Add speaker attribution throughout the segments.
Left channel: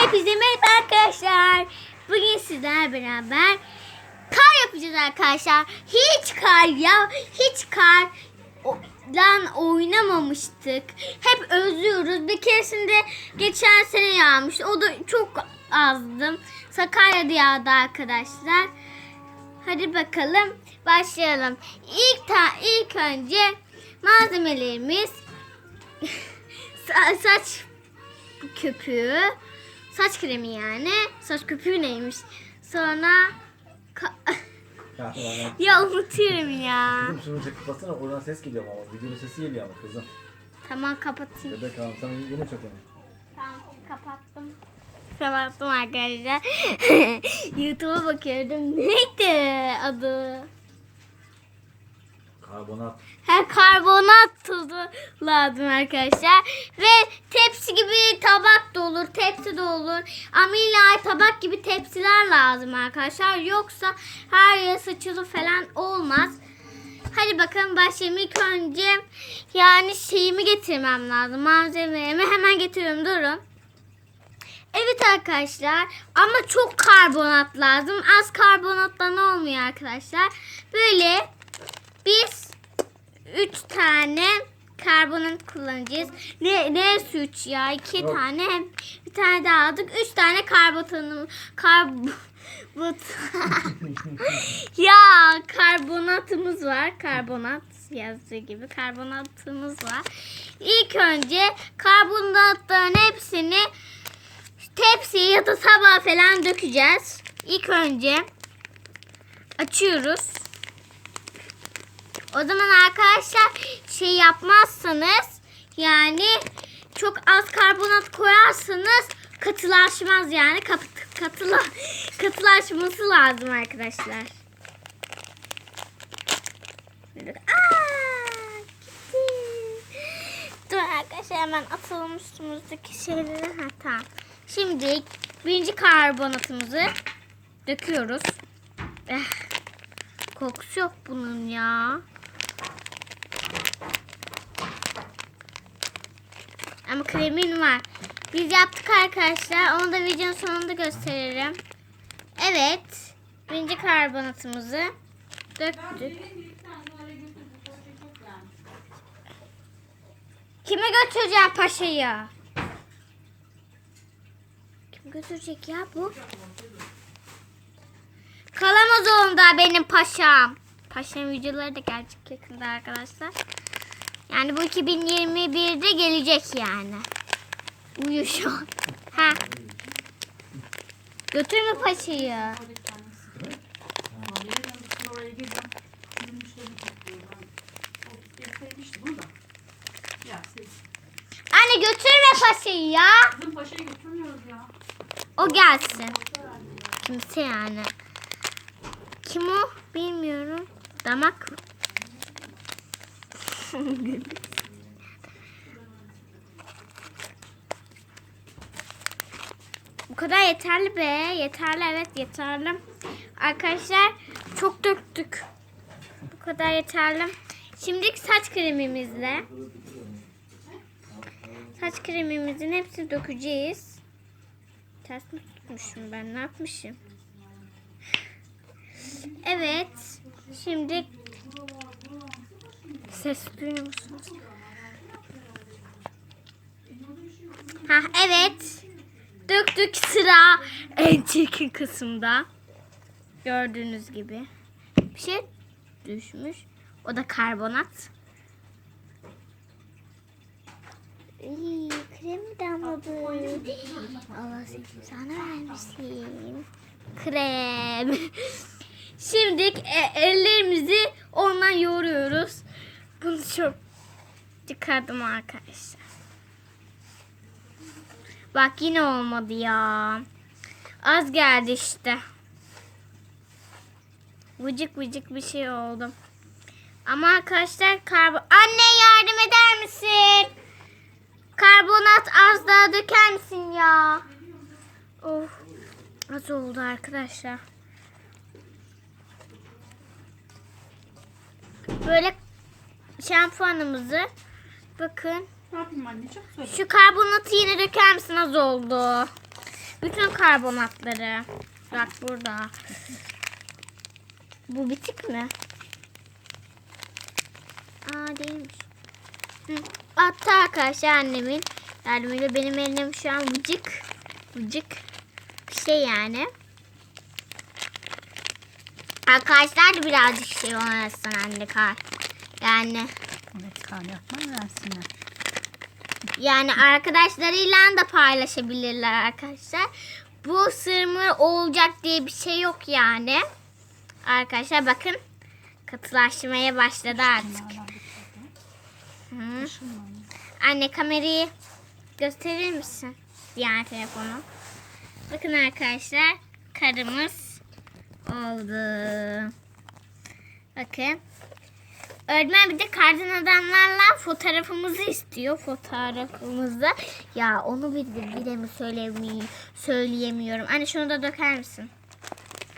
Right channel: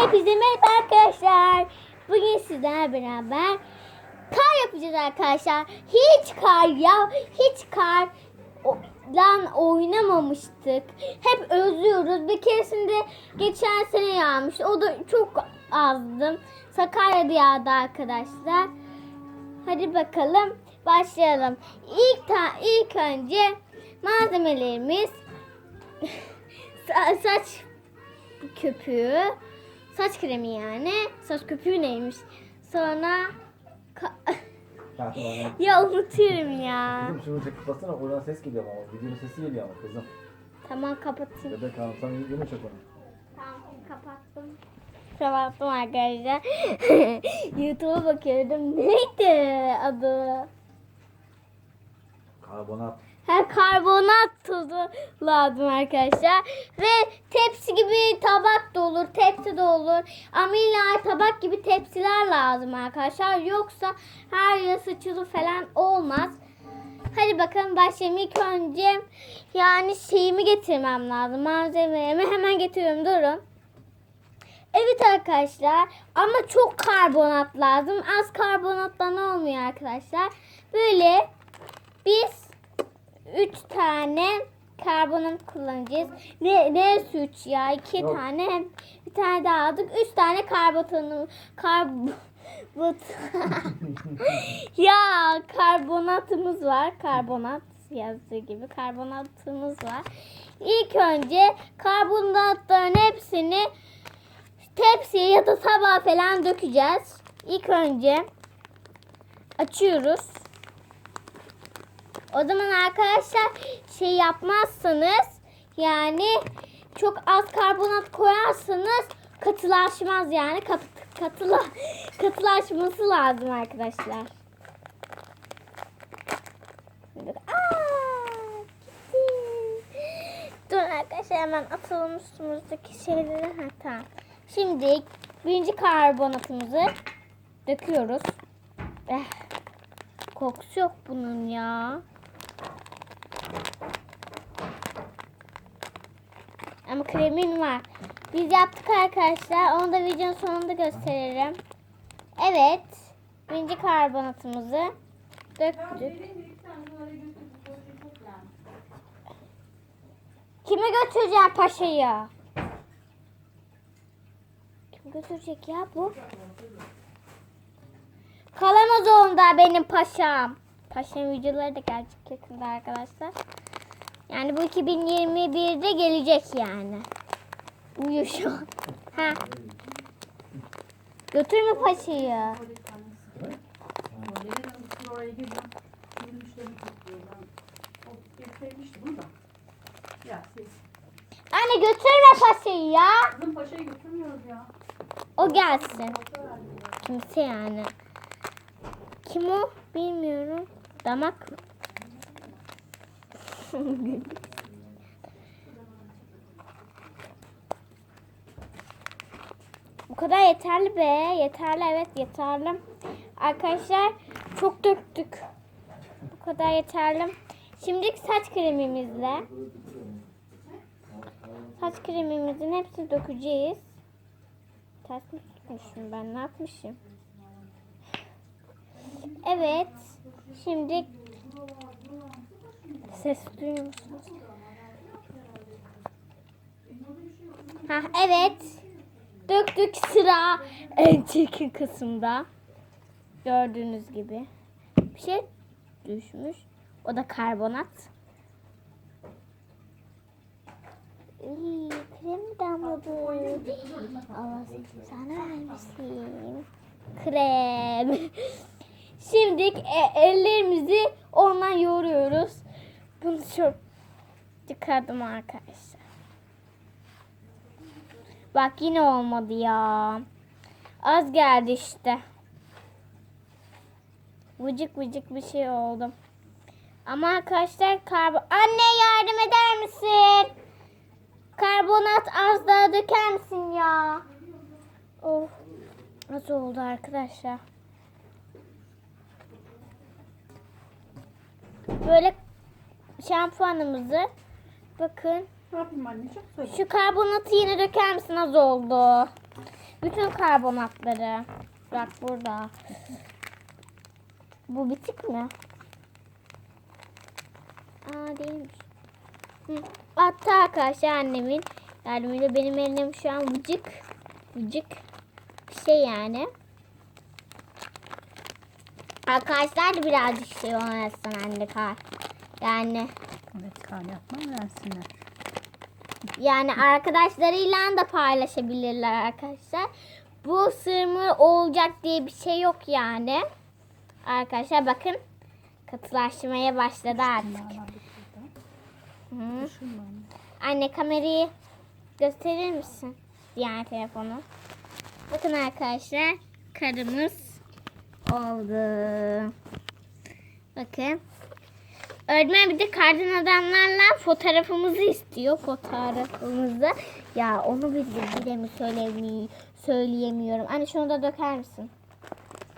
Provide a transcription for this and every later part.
Speaker 1: Hepinize merhaba arkadaşlar. Bugün sizlerle beraber kar yapacağız arkadaşlar. Hiç kar ya, hiç kar lan oynamamıştık. Hep özlüyoruz. Bir keresinde geçen sene yağmıştı. O da çok azdı. Sakarya'da yağdı arkadaşlar. Hadi bakalım başlayalım. İlk ta ilk önce malzemelerimiz sa- saç köpüğü, saç kremi yani. Saç köpüğü neymiş? Sonra
Speaker 2: Ya, tamam.
Speaker 1: ya unutuyorum ya.
Speaker 2: Kızım şunu çek kapatsana oradan ses geliyor ama videonun sesi geliyor ama kızım.
Speaker 1: Tamam kapatayım.
Speaker 2: Bebek hanım sen yine çek onu.
Speaker 1: Tamam kapattım. Kapattım arkadaşlar. YouTube'a bakıyordum. Neydi adı?
Speaker 2: Karbonat.
Speaker 1: Karbonat tuzu lazım arkadaşlar. Ve tepsi gibi tabak da olur, tepsi de olur. İlla tabak gibi tepsiler lazım arkadaşlar. Yoksa her yer saçılı falan olmaz. Hadi bakalım başlayalım. İlk önce yani şeyimi getirmem lazım. Malzemelerimi hemen getiriyorum. Durun. Evet arkadaşlar ama çok karbonat lazım. Az karbonattan olmuyor arkadaşlar. Böyle biz 3 tane karbonat kullanacağız. Ne ne üç ya? 2
Speaker 2: Yok.
Speaker 1: tane bir tane daha aldık. 3 tane karbonatımız karbot ya karbonatımız var. Karbonat yazdığı gibi karbonatımız var. İlk önce karbonatların hepsini tepsiye ya da tabağa falan dökeceğiz. İlk önce açıyoruz. O zaman arkadaşlar şey yapmazsanız yani çok az karbonat koyarsanız katılaşmaz yani Kat, katıla, katılaşması lazım arkadaşlar. Dur arkadaşlar hemen atalım üstümüzdeki şeyleri. Ha, tamam. Şimdi birinci karbonatımızı döküyoruz. Eh, kokusu yok bunun ya. Ama kremin var. Biz yaptık arkadaşlar. Onu da videonun sonunda gösteririm. Evet. Birinci karbonatımızı döktük. Kime götüreceğim paşayı? Kim götürecek ya bu? Kalamaz onda benim paşam. Paşam videoları da gelecek yakında arkadaşlar. Yani bu 2021'de gelecek yani. Uyuyor şu an. Ha. Götürme
Speaker 3: siz.
Speaker 1: Anne götürme paşayı ya.
Speaker 3: Bizim paşayı götürmüyoruz ya.
Speaker 1: O gelsin. Kimse yani. Kim o? Bilmiyorum. Damak? Bu kadar yeterli be. Yeterli evet yeterli. Arkadaşlar çok döktük. Bu kadar yeterli. Şimdi saç kremimizle saç kremimizin hepsini dökeceğiz. Ters mi tutmuşum ben? Ne yapmışım? Evet. Şimdi ses duyuyor musunuz? Ha evet. Döktük sıra en çirkin kısımda. Gördüğünüz gibi. Bir şey düşmüş. O da karbonat. İyi, krem damladı. Allah seni sana vermesin. Krem. Şimdi e, ellerimizi ondan yoğuruyoruz. Bunu çok çıkardım arkadaşlar. Bak yine olmadı ya. Az geldi işte. Vıcık vıcık bir şey oldu. Ama arkadaşlar karbon... Anne yardım eder misin? Karbonat az daha döker misin ya? Of. Az oldu arkadaşlar. Böyle şampuanımızı bakın
Speaker 3: Ne yapayım anneciğim? Söyle.
Speaker 1: şu karbonatı yine döker misin az oldu. Bütün karbonatları. Bak burada. Bu bitik mi? Aa değilmiş. Hı. Hatta arkadaşlar annemin yardımıyla benim elim şu an vıcık vıcık bir şey yani. Arkadaşlar da birazcık şey oynasın anne kar. Yani
Speaker 3: Evet kan yapma versinler.
Speaker 1: yani arkadaşlarıyla da paylaşabilirler arkadaşlar. Bu sırmır olacak diye bir şey yok yani. Arkadaşlar bakın katılaşmaya başladı artık. Hı. Anne kamerayı gösterir misin? Diğer telefonu. Bakın arkadaşlar karımız oldu. Bakın. Öğretmen bir de kardan adamlarla fotoğrafımızı istiyor. Fotoğrafımızı. Ya onu bir bile mi söyleyemiyorum, söyleyemiyorum. Anne şunu da döker misin?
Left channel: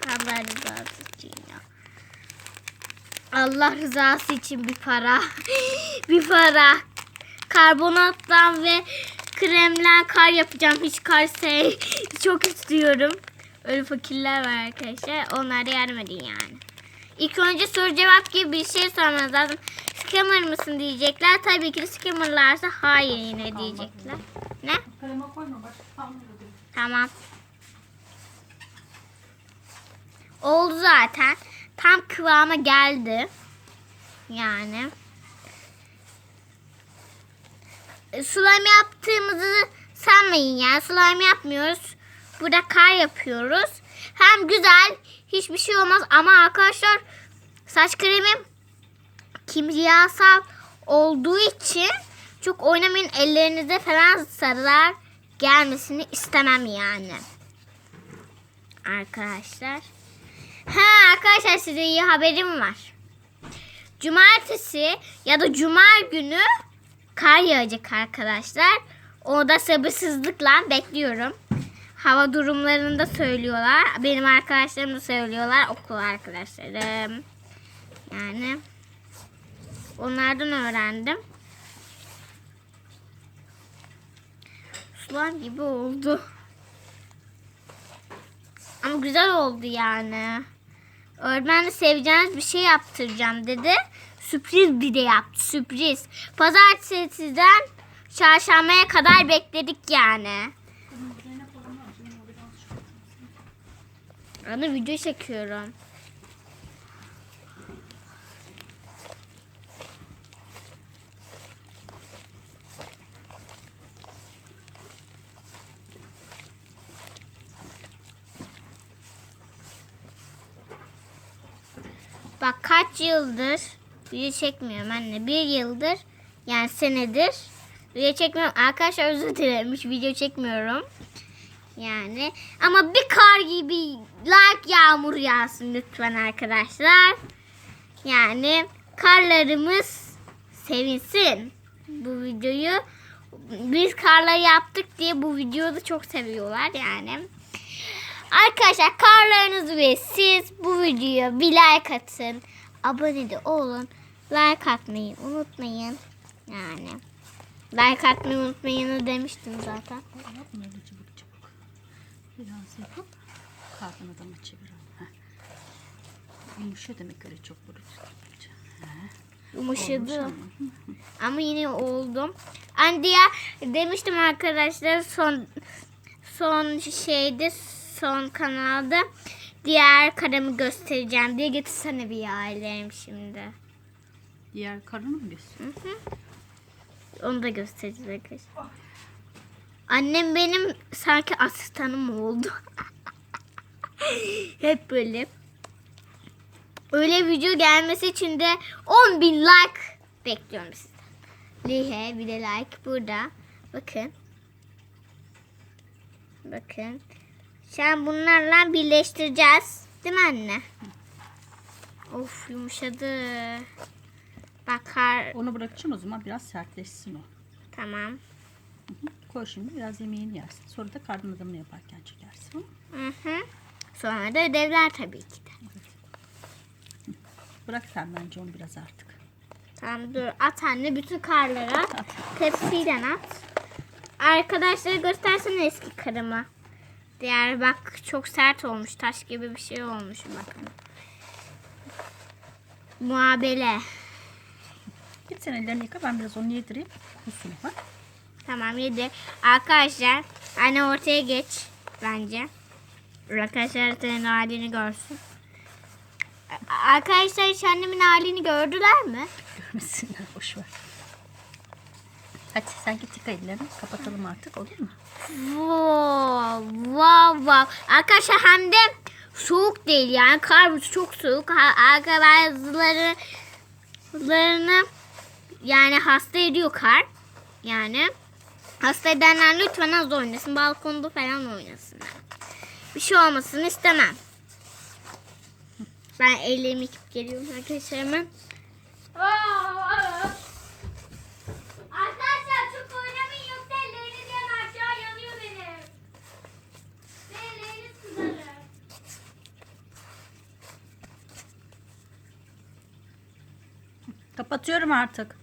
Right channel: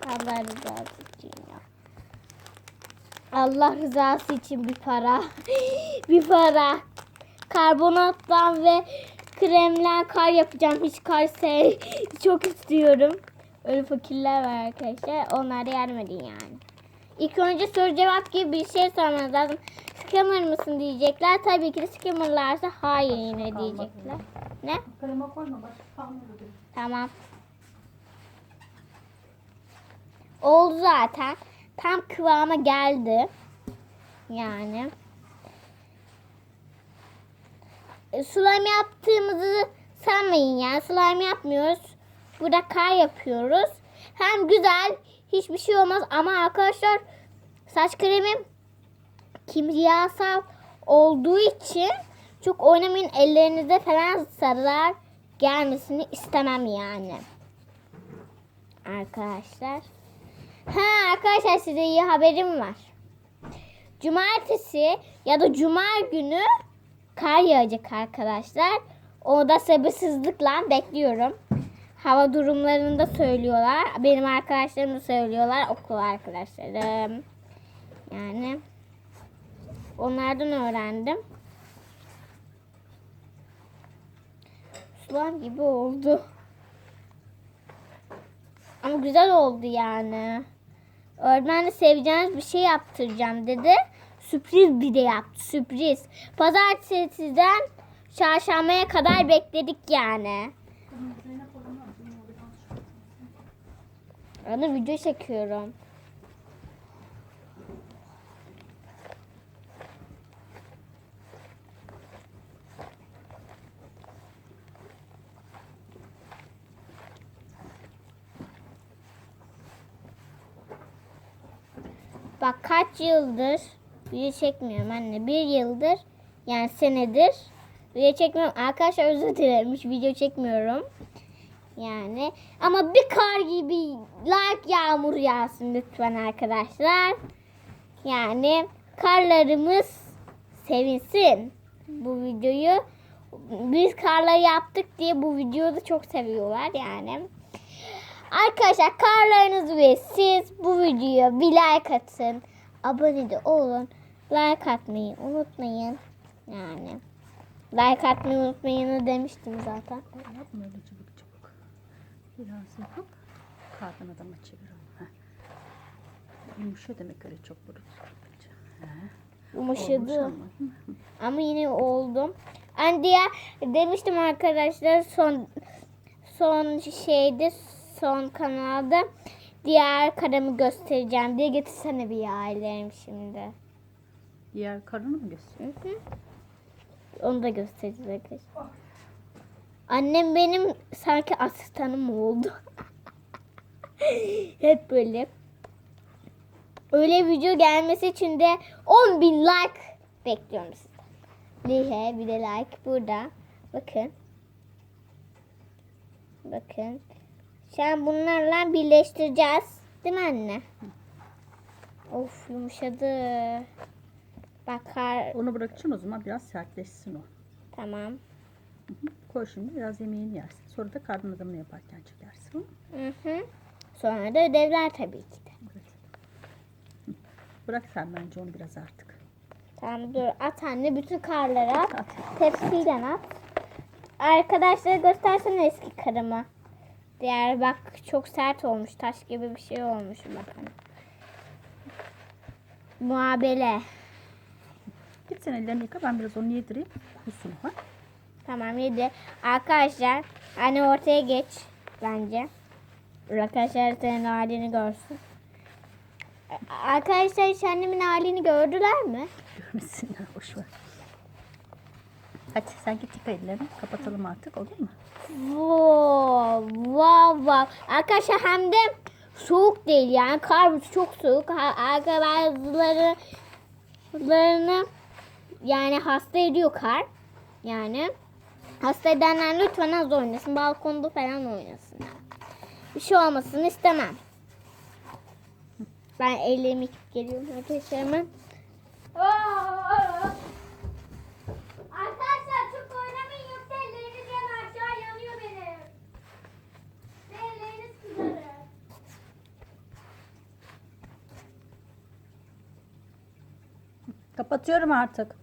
Speaker 1: Allah rızası için ya. Allah rızası için bir para. bir para. Karbonattan ve kremden kar yapacağım. Hiç kar sev çok istiyorum. Öyle fakirler var arkadaşlar. Onlara yardım edin yani. İlk önce soru cevap gibi bir şey sormanız lazım. Scammer mısın diyecekler. Tabii ki de scammerlarsa hayır yine diyecekler. Ne? Tamam. Oldu zaten. Tam kıvama geldi. Yani. E, Slime yaptığımızı sanmayın yani. Slime yapmıyoruz. Burada kar yapıyoruz. Hem güzel. Hiçbir şey olmaz. Ama arkadaşlar saç kremim kimyasal olduğu için çok oynamayın. Ellerinize falan sarılar gelmesini istemem yani. Arkadaşlar. Ha arkadaşlar size iyi haberim var. Cumartesi ya da cuma günü kar yağacak arkadaşlar. Onu da sabırsızlıkla bekliyorum. Hava durumlarını da söylüyorlar. Benim arkadaşlarım da söylüyorlar. Okul arkadaşlarım. Yani onlardan öğrendim. Sular gibi oldu. Ama güzel oldu yani. Öğretmen de seveceğiniz bir şey yaptıracağım dedi. Sürpriz bir de yaptı. Sürpriz. Pazartesiden çarşambaya kadar bekledik yani. Ana video çekiyorum. Bak kaç yıldır video çekmiyorum anne. Bir yıldır yani senedir video çekmiyorum. Arkadaşlar özür dilerim hiç video çekmiyorum. Yani ama bir kar gibi like yağmur yağsın lütfen arkadaşlar. Yani karlarımız sevinsin bu videoyu. Biz karları yaptık diye bu videoyu da çok seviyorlar yani. Arkadaşlar karlarınız ve siz bu videoya bir like atın. Abone de olun. Like atmayı unutmayın. Yani like atmayı unutmayın demiştim zaten.
Speaker 3: Öyle çabuk çabuk. Biraz yapıp kardan adamı çevirelim. Heh. Yumuşuyor demek öyle çok böyle.
Speaker 1: Yumuşadı. Ama yine oldum. Hani diğer demiştim arkadaşlar son son şeyde son kanalda diğer karımı göstereceğim diye getirsene bir ailem şimdi.
Speaker 3: Diğer karını mı göster?
Speaker 1: Hı hı. Onu da göstereceğiz arkadaşlar. Annem benim sanki asistanım oldu. Hep böyle. Öyle video gelmesi için de 10 bin like bekliyorum sizden. Lihe bir de like burada. Bakın. Bakın. Sen bunlarla birleştireceğiz. Değil mi anne? Of yumuşadı. Bakar.
Speaker 3: Onu bırakacaksın o zaman biraz sertleşsin o.
Speaker 1: Tamam.
Speaker 3: Hı hı. Koy şimdi biraz yemeğini yersin. Sonra da kardan adamını yaparken çekersin.
Speaker 1: Hı hı. Sonra da ödevler tabii ki de.
Speaker 3: Bırak sen bence onu biraz artık.
Speaker 1: Tamam dur at anne bütün karlara tepsiden at. Arkadaşlara göstersene eski karımı. Diğer bak çok sert olmuş. Taş gibi bir şey olmuş bakın. Muhabele.
Speaker 3: Git sen ellerini yıka ben biraz onu yedireyim. Ha.
Speaker 1: Tamam yedi. Arkadaşlar anne ortaya geç bence. Arkadaşlar senin halini görsün. Arkadaşlar hiç annemin halini gördüler mi?
Speaker 3: Görmesinler boş ver. Hadi sen git yıka ellerini. Kapatalım artık olur mu?
Speaker 1: Wow, wow, wow. Arkadaşlar hem de soğuk değil yani kar çok soğuk. Larını yani hasta ediyor kar. Yani hasta edenler lütfen az oynasın. Balkonda falan oynasın. Bir şey olmasını istemem. Ben ellerimi yıkıp geliyorum arkadaşlarıma. Arkadaşlar çok oynamayın yoksa elleriniz yanar. Aşağı yanıyor benim. Ve elleriniz kızarır.
Speaker 3: Kapatıyorum artık.